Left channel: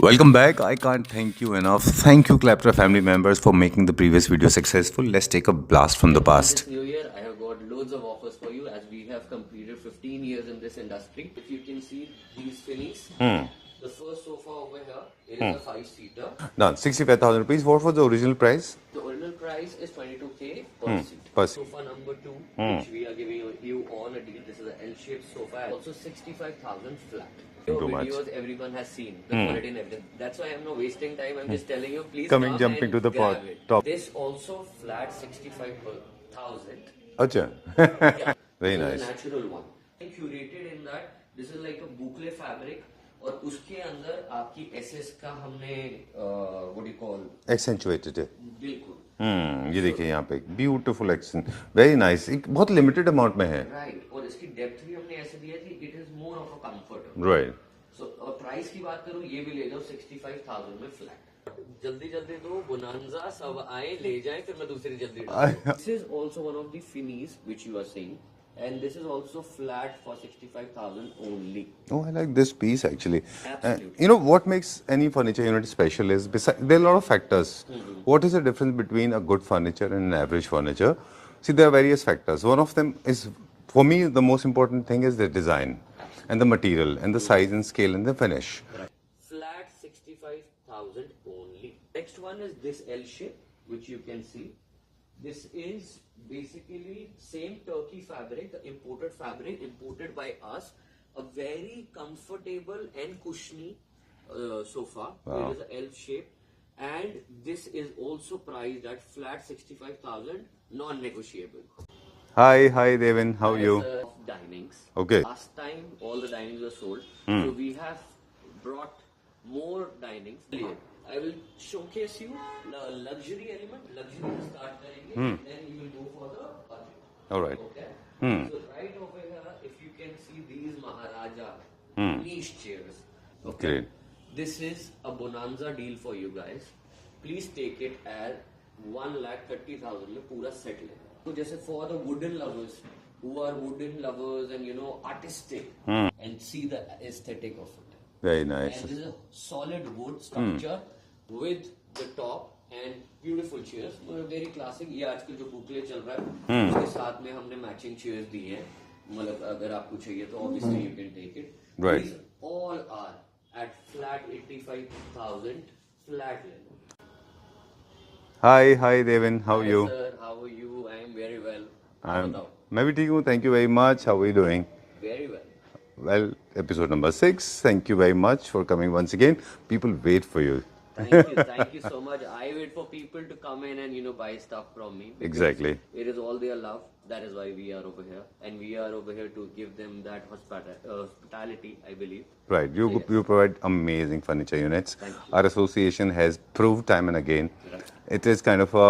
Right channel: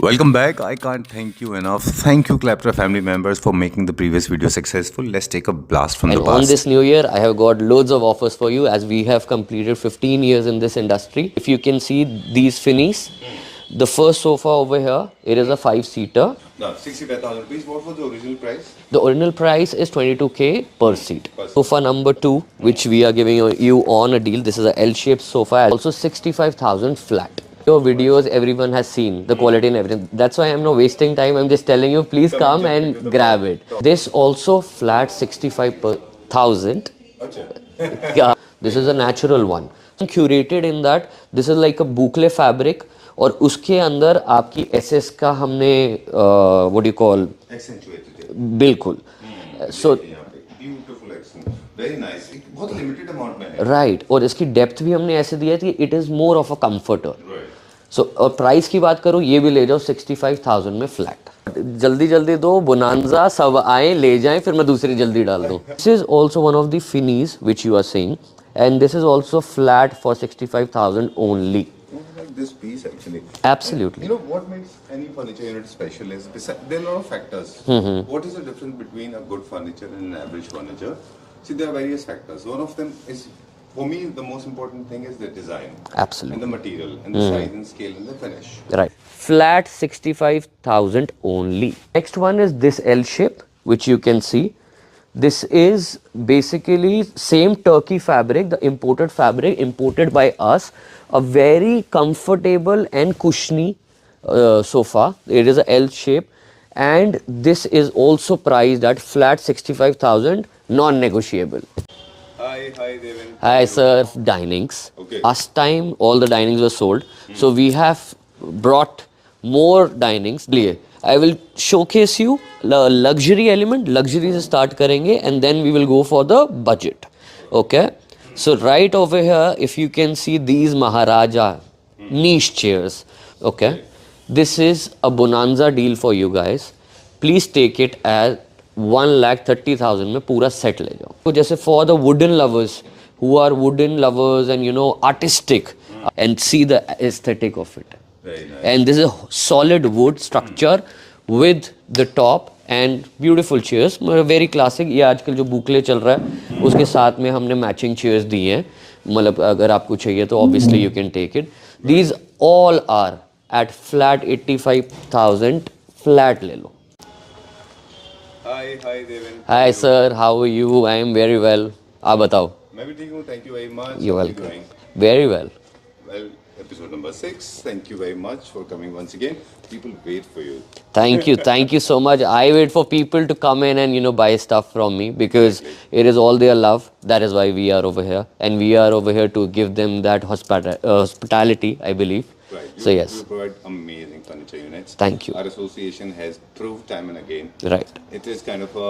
Welcome back. I can't thank you enough. Thank you, Claptra family members, for making the previous video successful. Let's take a blast from And the on past. this new year, I have got loads of offers for you as we have completed 15 years in this industry. If you can see these finis, the first sofa over here, it is a 5-seater. Now, 65,000 rupees. What was the original price? The original price is 22K per seat. Per seat. Sofa number 2, which we are giving you on a deal. This is a L-shaped sofa, also 65,000 flat. Your videos everyone has seen, the quality and everything. That's why I'm not wasting time. I'm just telling you, please come jumping to and the grab top. it. This also flat 65,000. Acha. Yeah, this is a natural one. Curated in that this is like a boucle fabric और उसके अंदर आपकी SS का हमने what you call Accentuated it. बिल्कुल ये सो देखिए यहाँ पे ब्यूटीफुल एक्शन वेरी नाइस एक बहुत लिमिटेड अमाउंट में है राइट और इसकी डेप्थ भी हमने ऐसे दिया थी it is more of a comforter right so और प्राइस की बात करूँ ये भी ले जाओ 65,000 में फ्लैट जल्दी जल्दी दो बोनांजा सब आए ले जाएं फिर मैं दूसरी जल्दी डाल दूं this is also one of the finishes which you are saying and this is also flat for 65,000 only. Oh, I like this piece actually. Absolutely. You know what makes any furniture unit special is there are a lot of factors. What is the difference between a good furniture and an average furniture? See, there are various factors. One of them is, for me, the most important thing is the design. Absolutely. And the material and the size and scale and the finish. Right. Flat 65,000 only. Next one is this L shape, which you can see. This is basically same Turkey fabric, the imported fabric, imported by us. A very comfortable and cushiony sofa. It is a L shape. And this is also priced at flat 65,000, non-negotiable. Hi, Devin. How are Hi, you? sir. Dinings. Okay. Last time, all the dinings were sold. So we have brought more dinings. I will showcase you the luxury element. Luxury se start karenge and then we will go for the budget. Alright. Okay. So right over here, if you can see these Maharaja niche chairs. Okay. Right. This is a bonanza deal for you guys. Please take it as 1,30,000 में पूरा set ले जाओ तो जैसे for the wooden lovers who are wooden lovers and you know artistic and see the aesthetic of it. Very nice. And this is a solid wood structure with the top and beautiful chairs. Very classic. ये आजकल जो बुकले चल रहा है उसके साथ में हमने मैचिंग चेयर्स दी हैं मतलब अगर आपको चाहिए तो obviously you can take it. These all are at flat 85,000 flat ले लो. Hi, Devin. How are Hi you? sir, how are you? I am very well. आप बताओ. मैं भी ठीक हूँ. Thank you very much. You're How are you welcome. doing? Very well. Well, episode number 6. Thank you very much for coming once again. People wait for you. Thank you so much. I wait for people to come in and you know buy stuff from me because Exactly. it is all their love. That is why we are over here, and we are over here to give them that hospitality. I believe. Right. So yes. You provide amazing furniture units. Thank you. Our association has proved time and again. Right. It is kind of a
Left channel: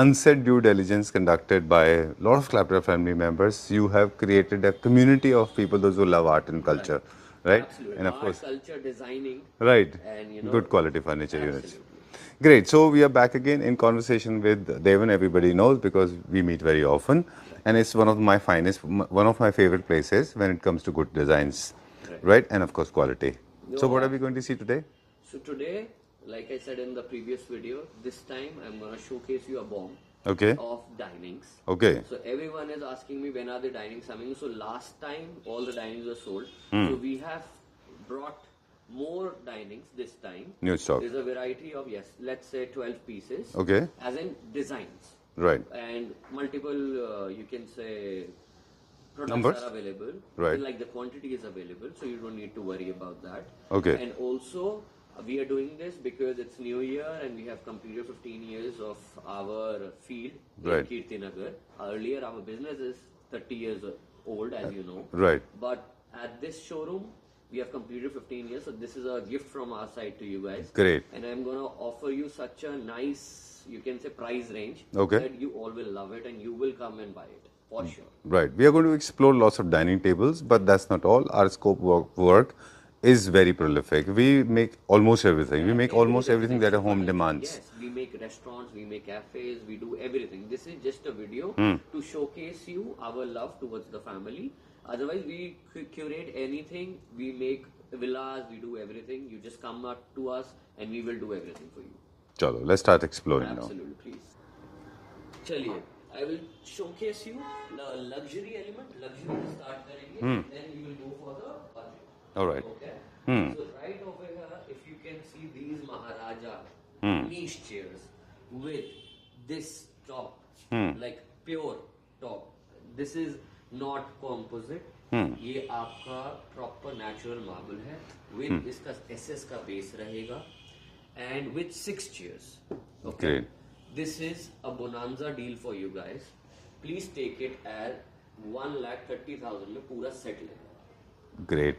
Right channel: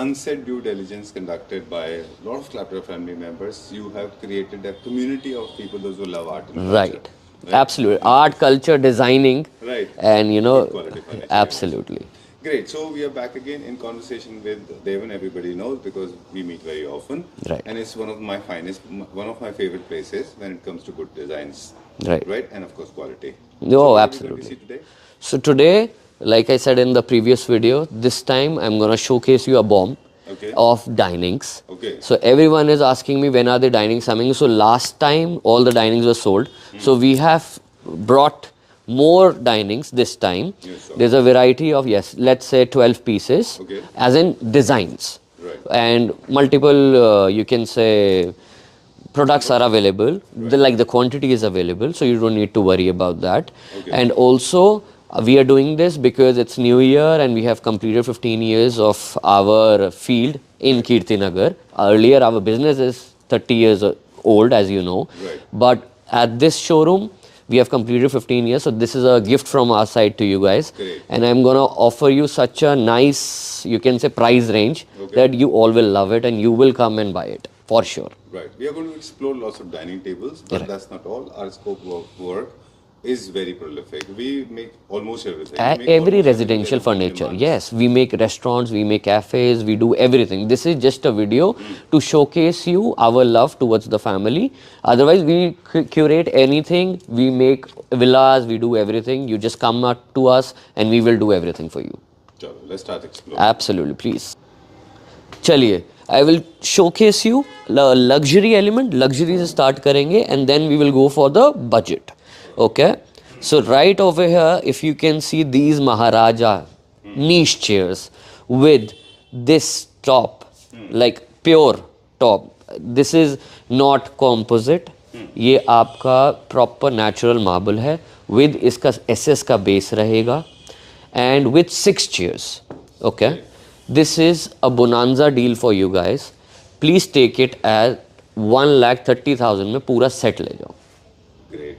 unsaid due diligence conducted by a lot of Clapper family members. You have created a community of people, those who love art and culture. Right. Absolutely. Art, culture, designing. Right. And you know. Good quality furniture. Absolutely. Units. Great. So we are back again in conversation with Devon. Everybody knows because we meet very often. Right. And it's one of my finest, one of my favorite places when it comes to good designs. Right. Right. And of course, quality. No, so what absolutely. are we going to see today? So today, like I said in the previous video, this time I'm gonna showcase you a bomb. Okay. Of dinings. Okay. So everyone is asking me when are the dinings coming. So last time all the dinings were sold. So we have brought more dinings this time. Yes, sir. There's a variety of let's say 12 pieces. Okay. As in designs. Right. And multiple you can say products are available. Right. The quantity is available, so you don't need to worry about that. Okay. And also we are doing this because it's New Year and we have completed 15 years of our field in Kirtinagar. Earlier, our business is 30 years old, as you know. Right. But at this showroom, we have completed 15 years. So this is a gift from our side to you guys. Great. And I'm going to offer you such a nice, you can say, price range that you all will love it and you will come and buy it for sure. Right. We are going to explore lots of dining tables, but that's not all. Our scope of work is very prolific. We make almost everything. We make Every almost everything that residential a home furniture, demands. yes, we make restaurants, we make cafes, we do everything. This is just a video to showcase you our love towards the family. Otherwise, we curate anything, we make villas, we do everything. You just come up to us and we will do everything for you. Chalo, let's start exploring. Absolutely, please. चलिए, I will showcase you luxury element. Luxury से start करेंगे and then we will go for the budget. Alright. Okay. So right over here, if you can see these Maharaja niche chairs with this top, like pure top. This is not composite. ये आपका proper natural marble है. With इसका SS का base रहेगा and with 6 chairs. Okay. Right. This is a bonanza deal for you guys. Please take it as 1,30,000 में पूरा set ले जाओ. Great.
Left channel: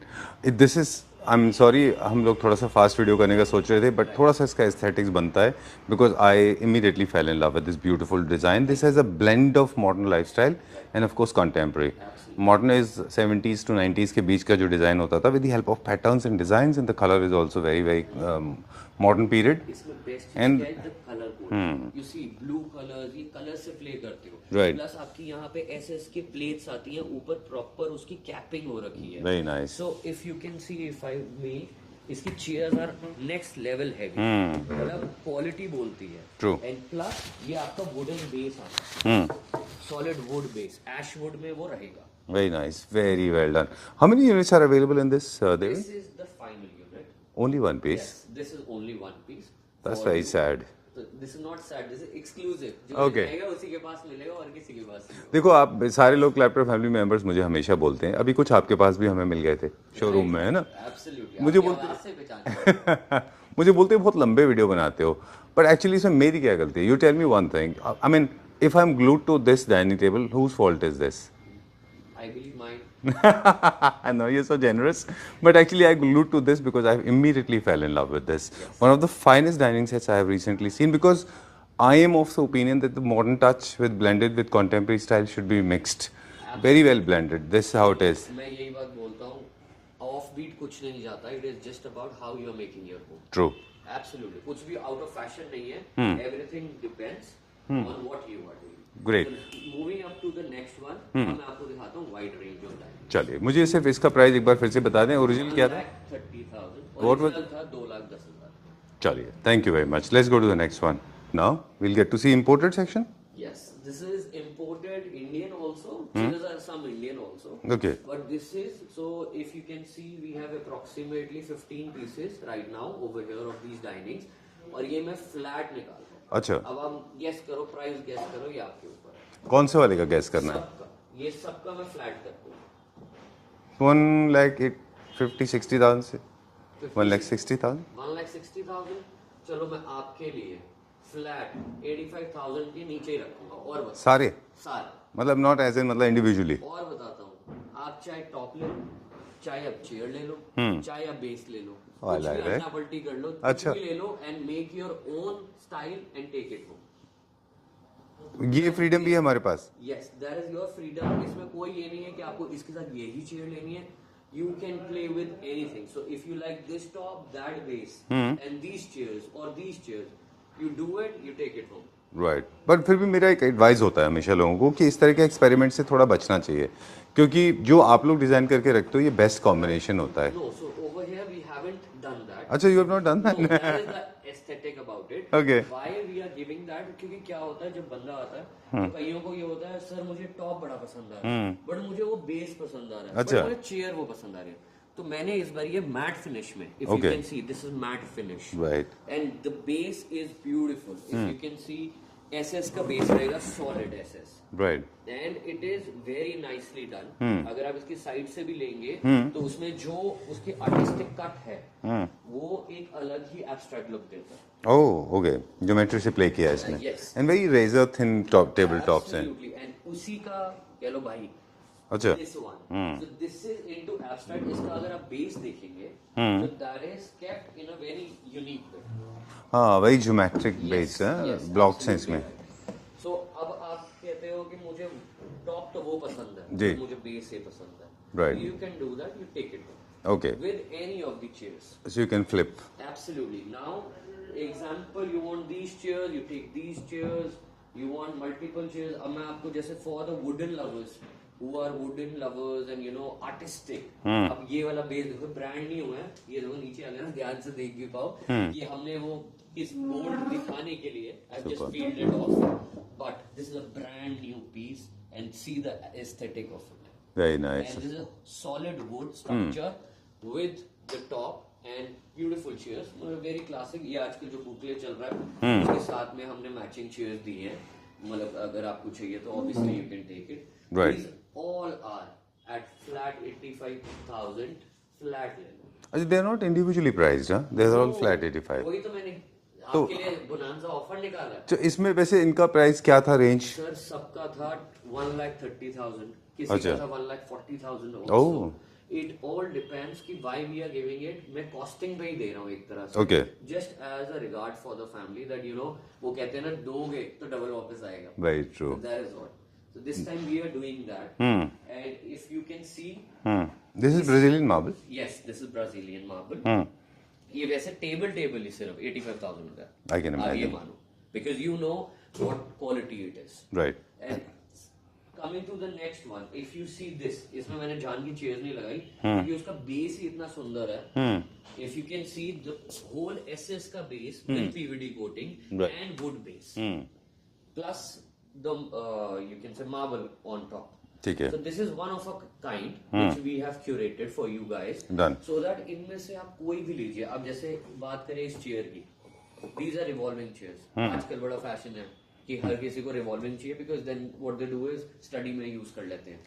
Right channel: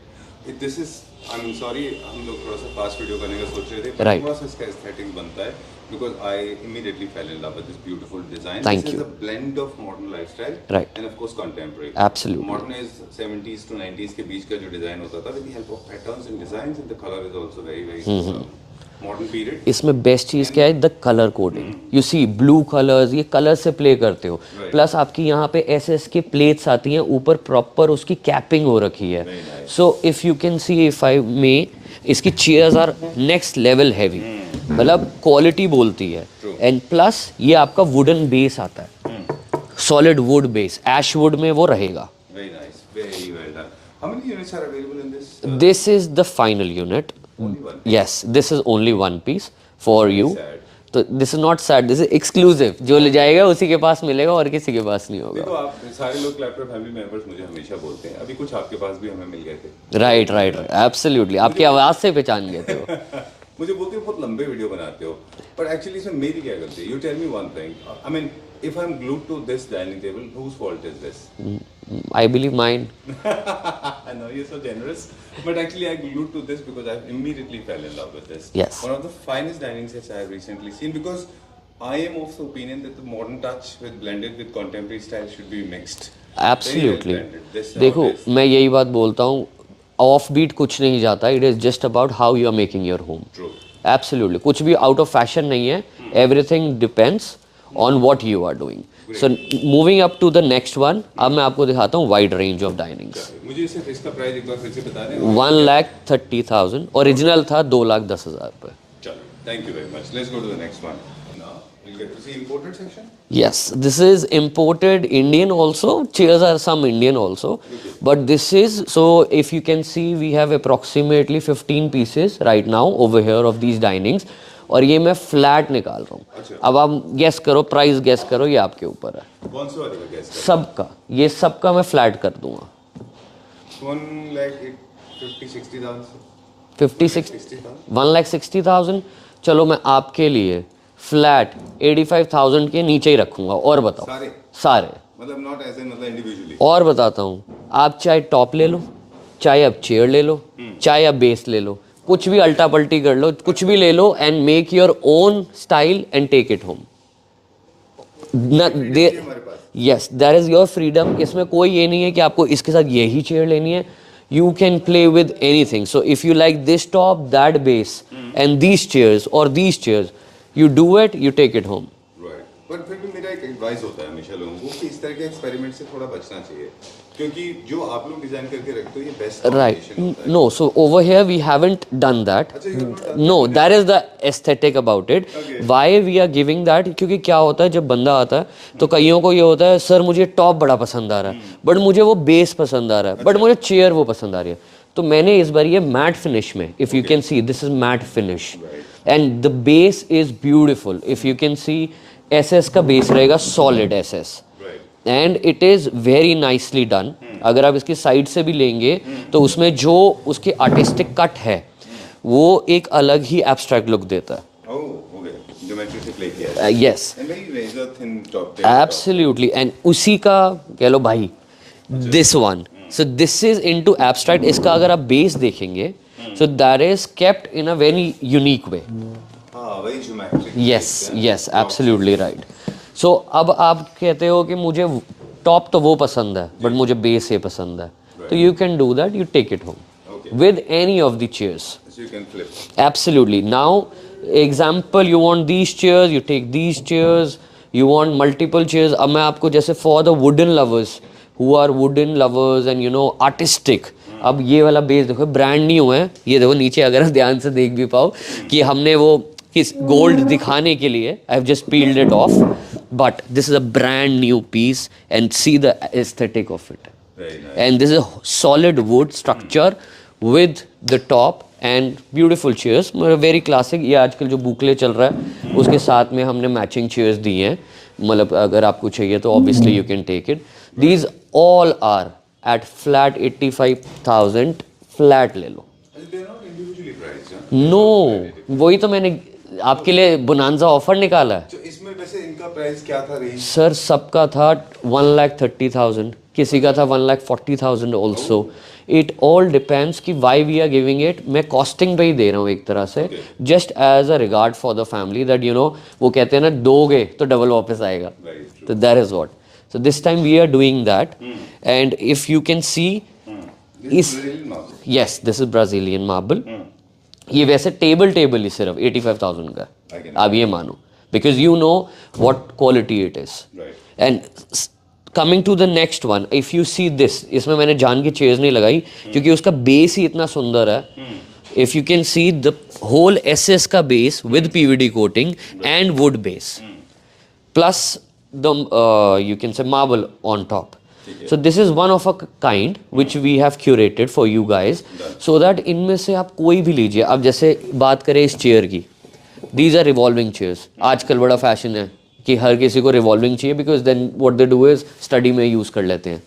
This is, I'm sorry, हम लोग थोड़ा सा फास्ट वीडियो करने का सोच रहे थे, but Right. थोड़ा सा इसका aesthetics बनता है because I immediately fell in love with this beautiful design. Thank This has you. a blend of modern lifestyle Right. and of course contemporary. Absolutely. Modern is 70s to 90s के बीच का जो design होता था with the help of patterns and designs, and the color is also very modern period. इसमें best चीज क्या है, the colour coding. You see blue colours, ये कलर से प्ले करते हो. Right. प्लस आपकी यहाँ पे एसएस के प्लेट्स आती हैं, ऊपर प्रॉपर उसकी कैपिंग हो रखी है. Very nice. So if you can see, if I may, इसकी chairs are next level heavy. मतलब क्वालिटी बोलती है. True. एंड प्लस ये आपका वुडन बेस आता है, solid wood base, ash wood में वो रहेगा. Very nice, very well done. How many units are available in this? This is the final unit. Only one piece. Yes, this is only one piece for very you. sad. तो this is not sad, this is exclusive. जो ले जाएगा उसी के पास मिलेगा और किसी के पास नहीं होगा. देखो, आप सारे लोग क्लैप्टर फैमिली मेंबर्स मुझे हमेशा बोलते हैं, अभी कुछ आपके पास भी हमें मिल गए थे. Right right, absolutely. आपकी आवाज से पहचान गए हो. मुझे बोलते हैं बहुत लंबे वीडियो बनाते हो, बट एक्चुअली इसमें मेरी क्या गलती है? You tell me one thing, I mean if I am glued to this dining table, whose fault is this? I believe mine. I know you're so generous, but actually I glued to this because I immediately fell in love with this. Yes. One of the finest dining sets I have recently seen, because I am of the opinion that the modern touch with blended with contemporary style should be mixed. Absolutely. Very well blended. This is how देखो, it is. मैं यही बात बोलता हूँ, off beat कुछ नहीं जाता. It is just about how you are making your home. True. Absolutely. कुछ भी आउट ऑफ फैशन नहीं है. Everything depends on what you are doing. Great. So moving up to the next one. अब मैं आपको दिखाता हूँ वाइड रेंज ऑफ डाइनिंग. चलिए, मुझे सिर्फ इसका प्राइस एक बार फिर से बता दें. 1,30,000 ओरिजिनल था 2,10,000 रुपए. चलिए, thank you very much. Let's go to the next one. Now we'll get to see imported section. Yes, this is imported Indian also. Chairs are some Indian also. Okay. But this is, so if you can see, we have approximately 15 pieces right now over here of these dinings. और ये मैं flat निकाल रहा हूँ. अच्छा. अब आप guess करो, प्राइस गेस करो, ये आपके ऊपर है. कौन से वाले का गैस करना? सबका, ये सबका मैं फ्लैट कर दूंगा. 1,50,000-60,000 से 56,000 1,60,000. 1,60,000. चलो मैं आपके लिए फ्लैट 85,000 के नीचे ही रखूंगा. और बताओ. सारे? सारे. मतलब नॉट एज इन, मतलब इंडिविजुअली. और बताता हूँ, आप चाहे टॉप ले लो, चाहे आप चेयर ले लो, चाहे आप बेस ले लो, कुछ भी अल्टा पल्टी कर लो, कुछ भी ले लो, and make your own style and take it home. Freedom है हमारे पास. Yes, that is your freedom. इसमें कोई ये नहीं है कि आपको इसके साथ यही चेयर लेनी है. You can play with anything. So if you like this top, that base, and these chairs or these chairs, you do it, you take it home. Right. But फिर भी मेरा एक एडवाइस होता है हमेशा लोगों को कि इस तरह के एक्सपेरिमेंट से थोड़ा बचना चाहिए, क्योंकि जो आप लोग डिजाइन करके रखते हो ये बेस्ट Right. कॉम्बिनेशन होता है. No, so over here we haven't done that. अच्छा, you have not done No, that? that is the aesthetic about it. Okay. Why we are giving that? क्योंकि क्या होता है, जब बंदा आता है तो कईयों को ये होता है, सर मुझे टॉप बड़ा पसंद आ रहा है, बट मुझे वो बेस पसंद आ रहा है, बट मुझे चेयर वो पसंद आ रही है. तो मैंने इस बार ये मैट फिनिश में, if you can see, this is matte finish, and the base is beautiful. If you can C, SS का बेस रहेगा, solid SS, right. And it is very nicely done. अगर आप इसकी साइड से भी लेंगे तो उसमें जो उसकी आर्टिस्टिक कट है वो एक अलग ही एब्स्ट्रैक्ट लुक देता है. Oh, okay. ज्योमेट्री से प्ले किया है. Yes, and very razor thin top table top. Absolutely. And उसी का कह लो भाई, this one. So this is into abstract. इसका अगर आप बेस देखेंगे, so that is kept in a very unique way. हाँ, very geometric. Yes yes, absolutely right. So अब आप कहते हो कि मुझे टॉप तो वो पसंद है, बट मुझे बेस ये पसंद है, तो you can do that, you take it home. Okay. with any of the chairs. So you can flip. Absolutely. Now, example, you want these chairs, you take these chairs, you want multiple chairs. अब मैं आपको जैसे for the wooden lovers who are wooden lovers and you know artistic, अब ये वाला base देखो brand new है, ये देखो नीचे अगर आप ध्यान से देख भी पाओ कि हमने वो किस गोल्ड दिखाने के लिए I have just peeled it off, but this is a brand new piece and see the aesthetic of it. Very nice. And this is a solid wood structure with the top and beautiful chairs. Very classic. ये आजकल जो बुकले चल रहा है उसके साथ में हमने मैचिंग चेयर्स दी हैं. मतलब अगर आपको चाहिए तो obviously you can take it. These all are at flat 85,000 flat ले लो. They are not individually priced, huh? They are No, all flat 85. वही तो मैंने आपके लिए बोनांजा ऑफर निकाला है. तो इसमें वैसे इनका प्राइस क्या था रेंज? सर सबका था 1,30,000, किसी का था 1,40,000 ऑल्सो. इट ऑल डिपेंड्स कि why we are giving it. मैं कॉस्टिंग पे ही दे रहा हूँ एक तरह से, just as a regard for the family that you know वो कहते हैं ना दोगे तो डबल वापस आएगा. तो that is what. So this time we are doing that and if you can see this is Brazilian marble. Yes this is Brazilian marble. ये वैसे टेबल ही सिर्फ 85,000 का. आप ये मानो because you know what quality it is. Right. And coming to the next one, if you see this, इसमें मैंने जान की चेयर्स नहीं लगाई क्योंकि उसका बेस ही इतना सुंदर है. If you can see the whole SS का base with PVD coating and wood base, plus the you can say marble on top. So this is one of a kind which we have curated for you guys, so that इनमें से आप कोई भी लीजिए. अब जैसे बात करें इस चेयर की, these are revolving chairs. आजकल बड़ा फैशन है कि हर किसी को रिवॉल्विंग चाहिए because then what they do is study में यूज कर लेते हैं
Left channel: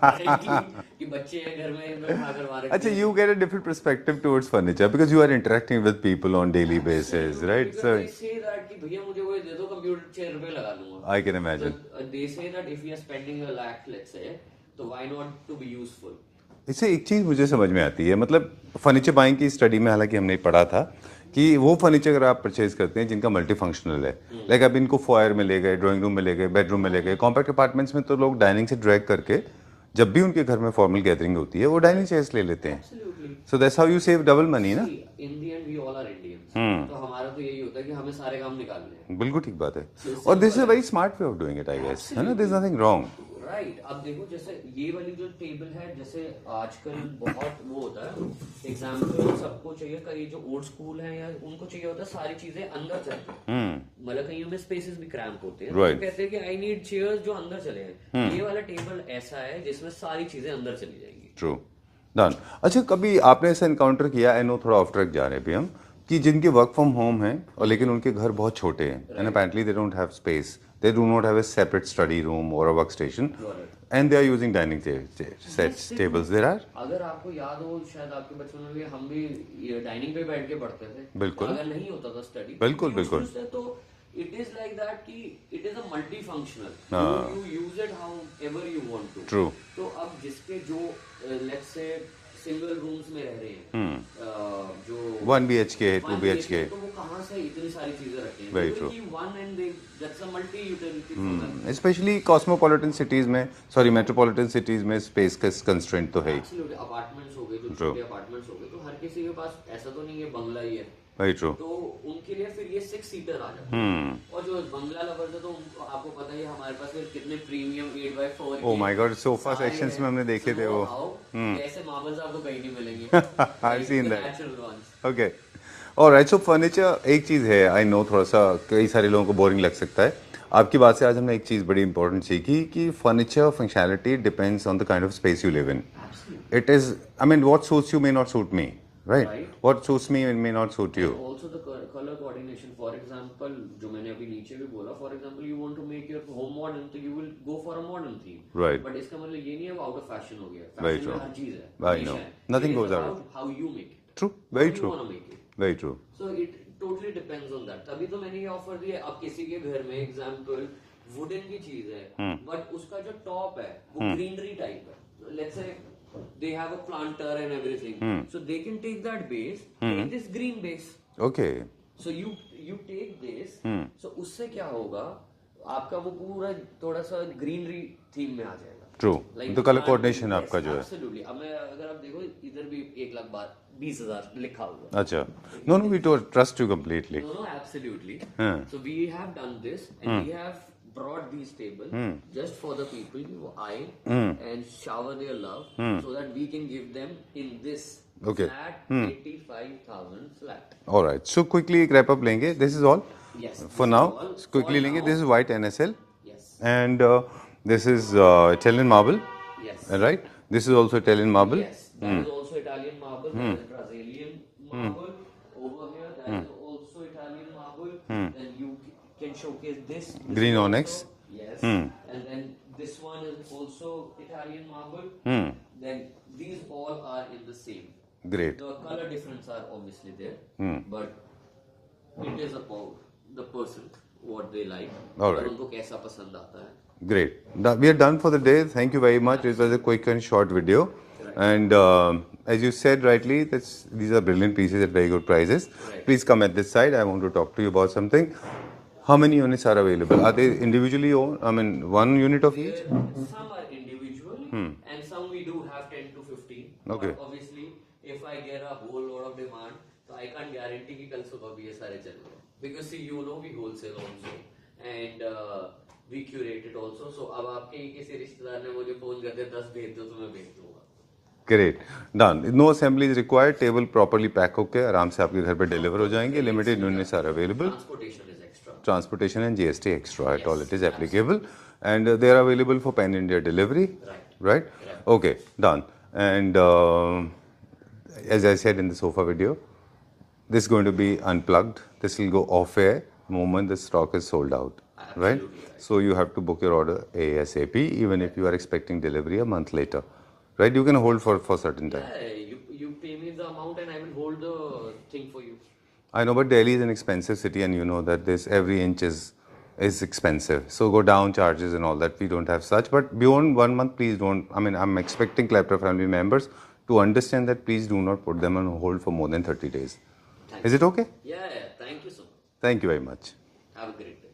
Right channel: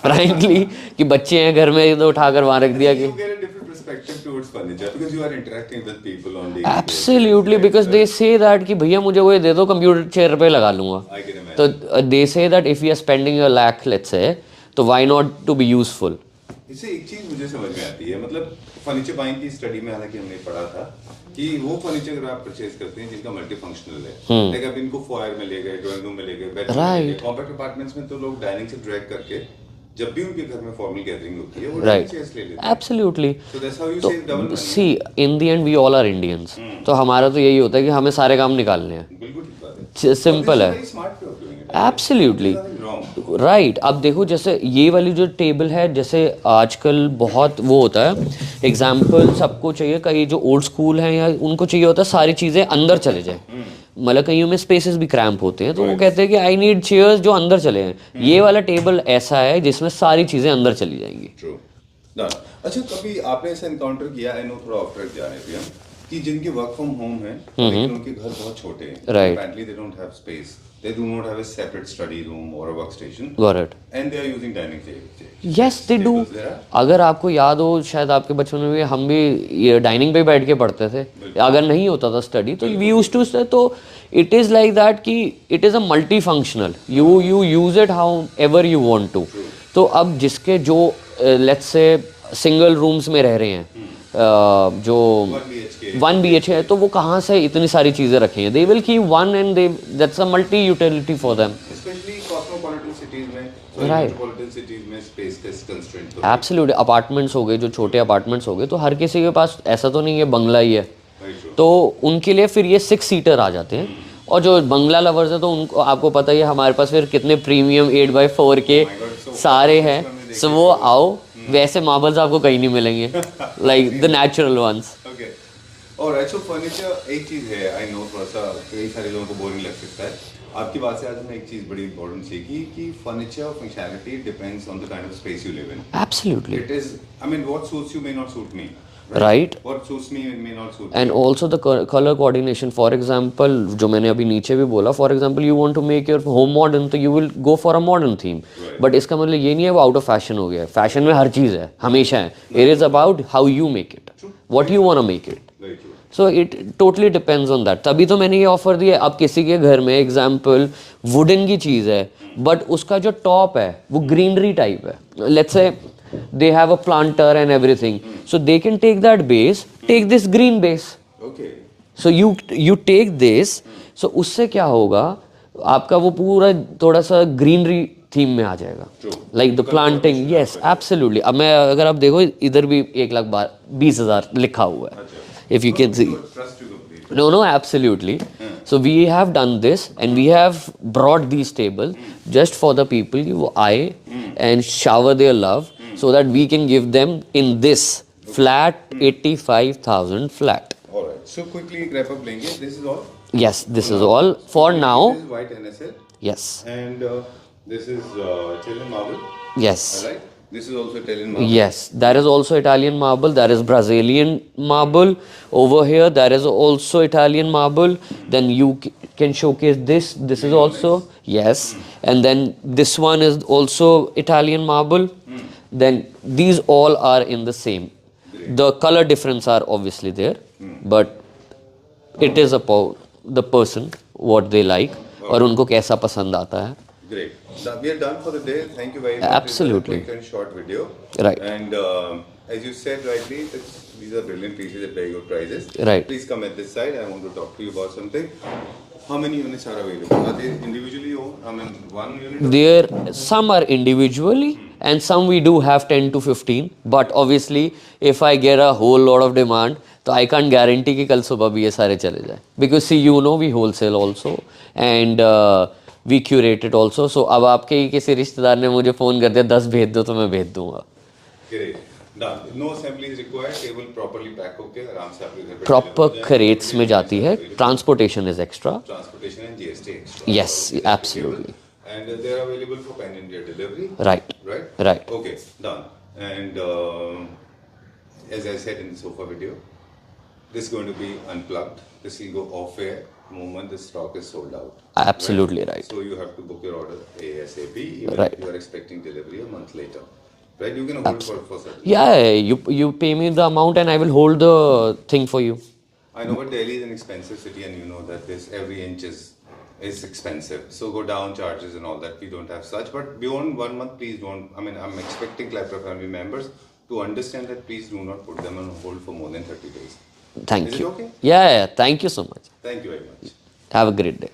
frankly कि बच्चे हैं घर में तो उठाकर वहां रख दिया. You get a different perspective towards furniture because you are interacting with people on daily basis. Absolutely, because they say that कि भैया मुझे वो दे दो कंप्यूटर चेयर पे लगा लूंगा. I can imagine. तो they say that if we are spending a lakh let's say, तो why not to be useful. इससे एक चीज मुझे समझ में आती है, मतलब फर्नीचर बाइंग की स्टडी में हालांकि हमने पढ़ा था कि वो फर्नीचर अगर आप परचेज करते हैं जिनका मल्टी फंक्शनल है, लाइक आप इनको फॉयर में ले गए, ड्राइंग रूम में ले गए, बेडरूम में ले गए, कॉम्पैक्ट अपार्टमेंट्स में तो लोग डाइनिंग से ड्रैग करके जब भी उनके घर में फॉर्मल गैदरिंग होती है वो डाइनिंग चेयर्स ले लेते हैं. Absolutely. So that's how you save double money. See, in the end we all are Indians. तो हमारा तो यही होता है कि हमें सारे काम निकालने हैं. बिल्कुल ठीक बात है. सिंपल है. very smart way of doing it. Absolutely. There's nothing wrong. Right. अब देखो जैसे ये वाली जो टेबल है, जैसे आजकल बहुत वो होता है, एग्जाम्पल सबको चाहिए, कई जो ओल्ड स्कूल हैं या उनको चाहिए होता है सारी चीजें अंदर चले जाए. मतलब कईयों में स्पेसेस भी क्रैम्प होते हैं, तो वो कहते हैं कि आई नीड चेयर्स जो अंदर चले हैं. ये वाला टेबल ऐसा है जिसमें सारी चीजें अंदर चली जाएंगी. ट्रू. डन. अच्छा, कभी आपने ऐसा एनकाउंटर किया, आई नो थोड़ा ऑफ ट्रैक जा रहे हैं हम, कि जिनके वर्क फ्रॉम होम है लेकिन उनके घर बहुत छोटे हैं, apparently they don't have space, they do not have a separate study room or a workstation, got it, and they are using dining chairs. Yes, they do. अगर आपको याद हो, शायद आपके बचपन में भी हम भी ये डाइनिंग पे बैठ के पढ़ते थे. अगर नहीं होता था स्टडी तो we used to say, तो it is like that कि it is a multifunctional, you use it however you want to. True. तो अब जिसके जो let's say सिंगल रूम्स में रह रहे हैं, जो 1 BHK है, तो वो कहाँ से इतनी सारी चीजें रखी हैं. They will keep one and they that's a multi utility for them. Specially cosmopolitan cities में, सॉरी मेट्रोपॉलिटन सिटीज में स्पेस का कंस्ट्रेंट तो है. एब्सोल्युटली. अपार्टमेंट्स हो गए, जो छोटे अपार्टमेंट्स हो गए, तो हर किसी के पास ऐसा तो नहीं है बंगला ही है. तो उनके लिए फिर ये 6 सीटर आ जाते हैं. और जो बंगला लवर्स है तो उनको आपको पता ही है हमारे पास फिर कितने प्रीमियम 8x4 के सारे हैं. सो वो आओ, वैसे मार्बल्स आपको कहीं नहीं मिलेंगे, like the natural ones. Okay. Alright. So furniture एक चीज है, आई नो थोड़ा सा कई सारे लोगों को बोरिंग लग सकता है. आपकी बात से आज हमने एक चीज बड़ी इंपॉर्टेंट सीखी कि furniture functionality depends on the kind of space you live in. Absolutely. It is, I mean what suits you may not suit me. Right. What suits me may not suit you. And also the color coordination. For example, जो मैंने अभी नीचे भी बोला, for example, you want to make your home modern, तो you will go for a modern theme. Right. But इसका मतलब ये नहीं है वो out of fashion हो गया. Fashion में हर चीज़ है, हमेशा है. It is about how you make it. True. What you want to make it. Very true. So it totally depends on that. तभी तो मैंने ये ऑफर दिया. अब किसी के घर में एग्जाम्पल वुडन की चीज़ है, बट उसका जो टॉप है वो ग्रीनरी टाइप है. Let's say they have a planter and everything, so they can take that base, take this green base. Okay. So you take this, so उससे क्या होगा, आपका वो पूरा थोड़ा सा ग्रीनरी थीम में आ जाएगा. True. लाइक द तो colour प्लांटिंग. coordination यस आपका जो है. एब्सोल्युटली. अब मैं अगर आप देखो इधर भी 1,20,000 लिखा हुआ है. अच्छा. If you No, can we see. don't trust you completely. No, no, absolutely. So we have done this and we have brought these tables just for the people who आए and shower their love so that we can give them in this flat 85,000 flat. All right. So quickly wrap up लेंगे. This is all. Yes, this For is now. all So for quickly now. लेंगे. This is white NSL Yes, and this is Italian marble, yes. right? This is also Italian marble. Yes, there is also Italian marble, there is Brazilian marble. Over here, there is also Italian marble. Then you can showcase this. This Green is also, onyx. yes. And then this one is also Italian marble. Then these all are in the same. Great. The color difference are obviously there, but it is about the person what they like और उनको कैसा पसंद आता है. Great. We are done for the day. Thank you very much. Absolutely. This was a quick and short video. Right. And as you said rightly, these are brilliant pieces at very good prices. Right. Please come at this side. I want to talk to you about something. How many units are available? Are they individually owned? I mean, one unit of... There, some are individually and some we do have 10 to 15. But obviously, if I get a whole lot of demand, तो I can't guarantee कि कल सुबह भी ये सारे चले जाए. Because see, you know, we wholesale also and we curate it also. So अब आपके ही किसी रिश्तेदार ने मुझे फोन कर दिया 10 भेज दो तो मैं भेज दूंगा. Great. Done. No assembly is required. Table properly pack होके आराम से आपके घर पे deliver हो Proper जाएंगे. crates Limited में units जाती are है. available. Transportation is extra. Transportation and GST extra. Yes, all it is applicable. absolutely. And they are available for pan India delivery. Right. Right? Right. Okay, done. And as I said in the sofa video, this is going to be unplugged. This will go off air the moment the stock is sold out. Absolutely right. So you have to book your order ASAP, even Right. if you are expecting delivery a month later. Right? You can hold for certain. Yeah, you pay me the amount and I will hold the thing for you. I know, but Delhi is an expensive city, and you know that this every inch is expensive. So go down charges and all that. We don't have such. But beyond 1 month, please don't. I mean, I'm expecting Klepra family members to understand that please do not put them on hold for more than 30 days. Thank you. Is it okay? Yeah, thank you so much. Thank you very much. Have a great day.